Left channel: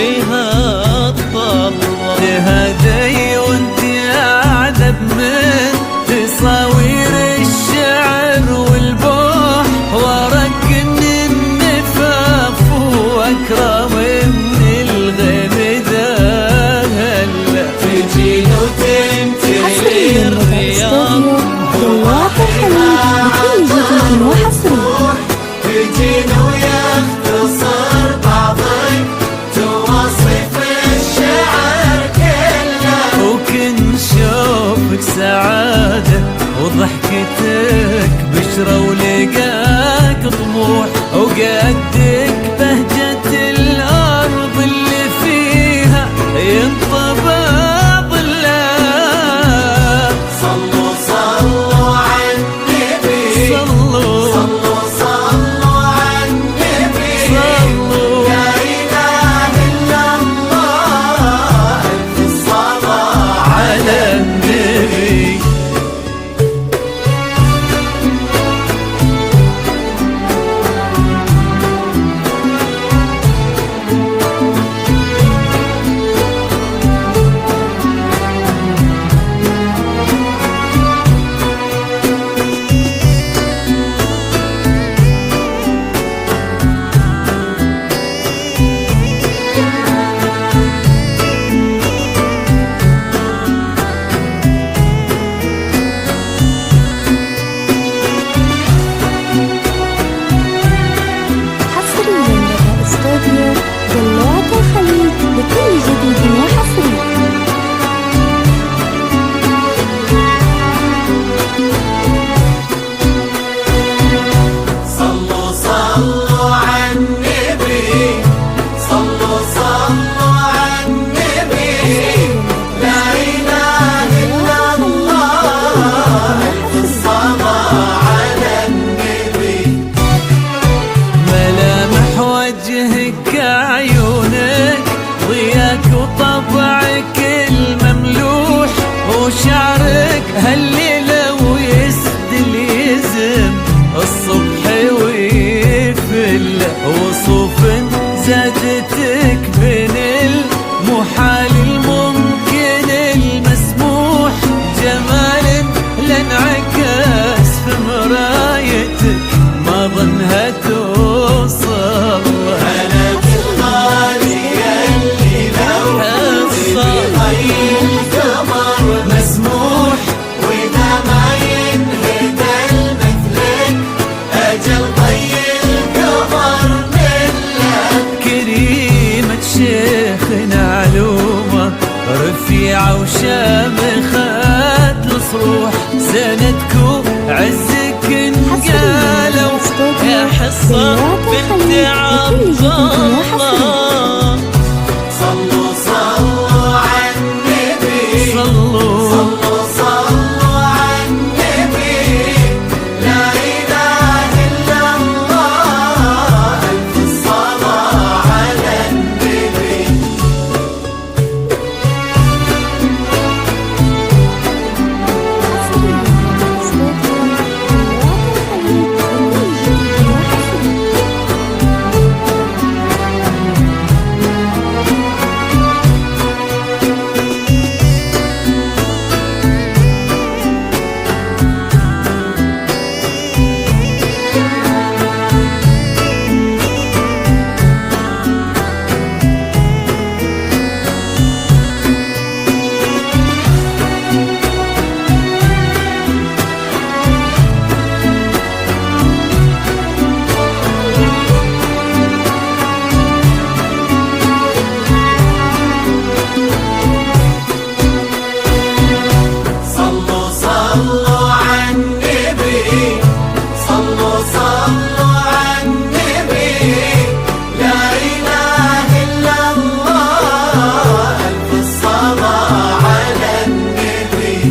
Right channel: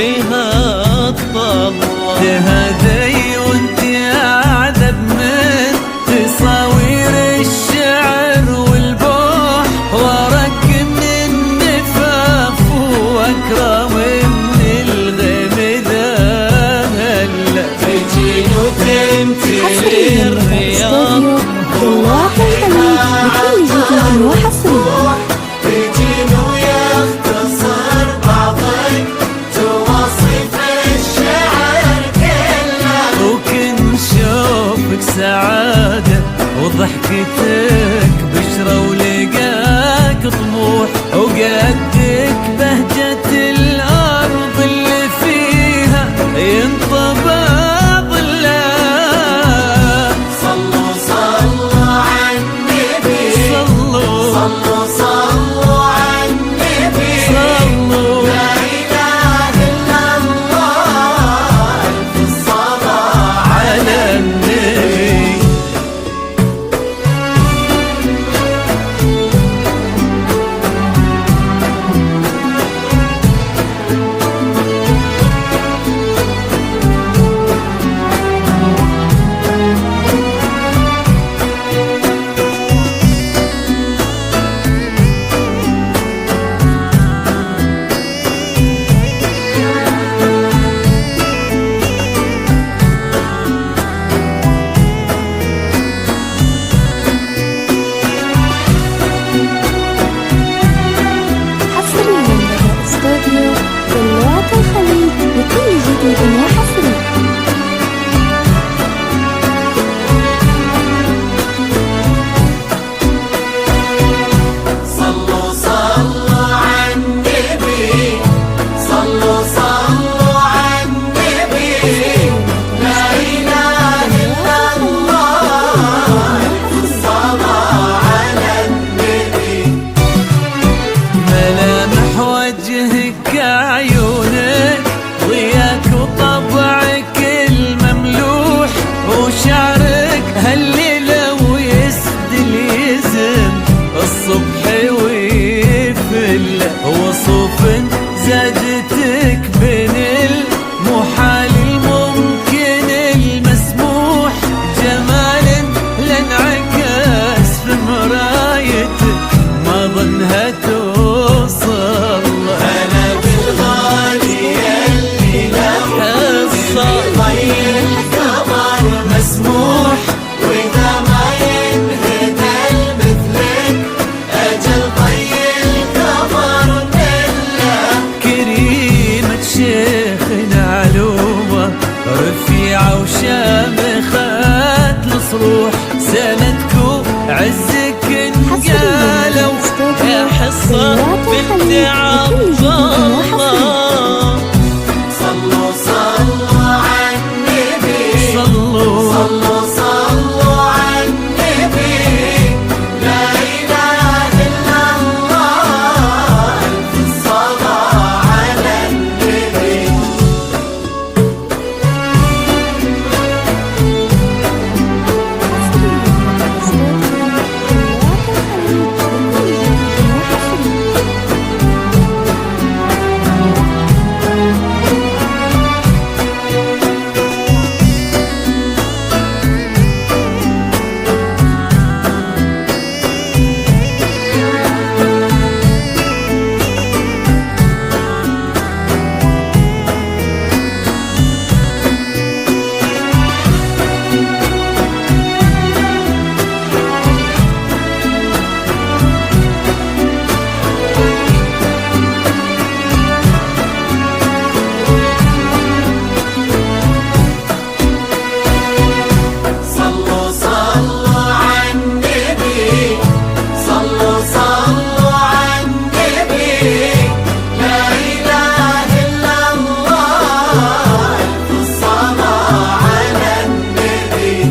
فيها الطلة. تهدي وانت اعذب من تصاوير الشعر والبوح، وارق من النفاف واكرم من الغيم ذا هلا. تجين وتمتلي الرياض دلوعة الخليج بكل جديد وحصري. تجين ويختصر بعض توصف الشعر كله، وكن شوفك سعادة وضحكتك بشرة ولقاك طموح، وقدك بهجة الأرض اللي فيها ينطبع ظلها. صلوا صلوا على النبي، صلوا صلوا صلوا على النبي، صلوا لا إله إلا الله، ألف الصلاة على النبي. حصريا لدى استوديو دلوعة الخليج بكل جديد وحصري. صلوا صلوا على النبي، صلوا صلوا على النبي، لا إله إلا الله، الصلاة على النبي. ملامح وجهك عيونك ضياك وطبعك المملوح، وشعرك هالليلة ويسدل يزم الصبح ويفل، وصوف زادتك بين المحال الممكن المسموح، جمال لانعكس في مرايتك ما ظنها توصل. حصة مسموح وإذا ما ينهد المثلك أجل طي القمر ملك. كريمة شيخنا علومة رفيعة وشامخات الصروح، سندكو عزك انقالوا يا حصة بنت عبد الله. صلوا صلوا على النبي، صلوا صلوا صلوا على النبي، لا إله إلا الله، ألف الصلاة على النبي. حصريا لدى استوديو دلوعة الخليج بكل جديد وحصري. صلوا صلوا على النبي، صلوا صلوا على النبي، لا إله إلا الله، ألف الصلاة على النبي.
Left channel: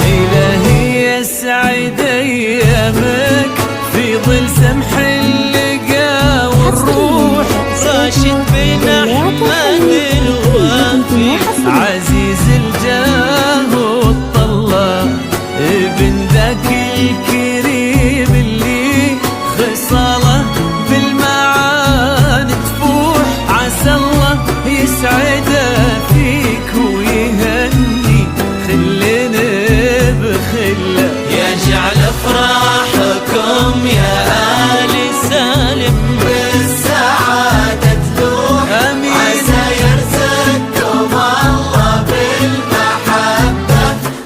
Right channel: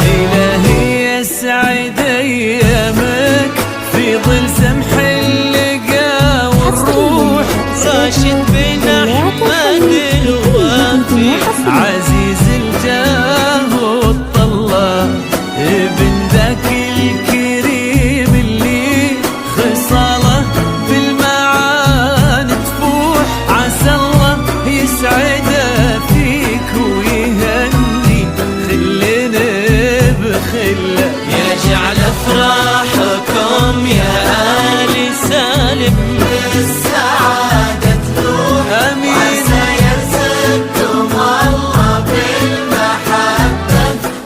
إلهي يسعد أيامك في ظل سمح اللقا والروح، راشد بن أحمد الوافي عزيز الجاه والطلة، ابن ذاك الكريم اللي خصاله بالمعاني تفوح. عسى الله يسعده فيك ويهني خلنا بخله. يجعل افراحكم يا آل سالم بالسعادة تروح، امين. يرزقكم الله بالمحبة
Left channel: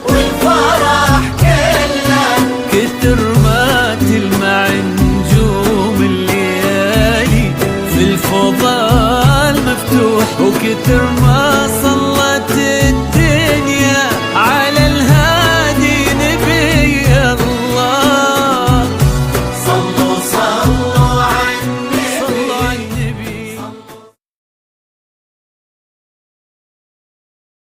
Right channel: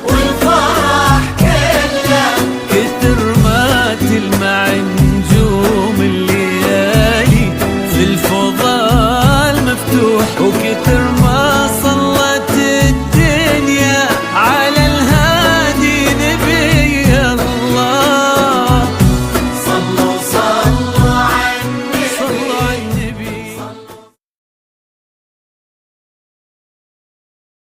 والفرح كله. كثر ما تلمع نجوم الليالي في الفضاء المفتوح، وكثر ما صلت الدنيا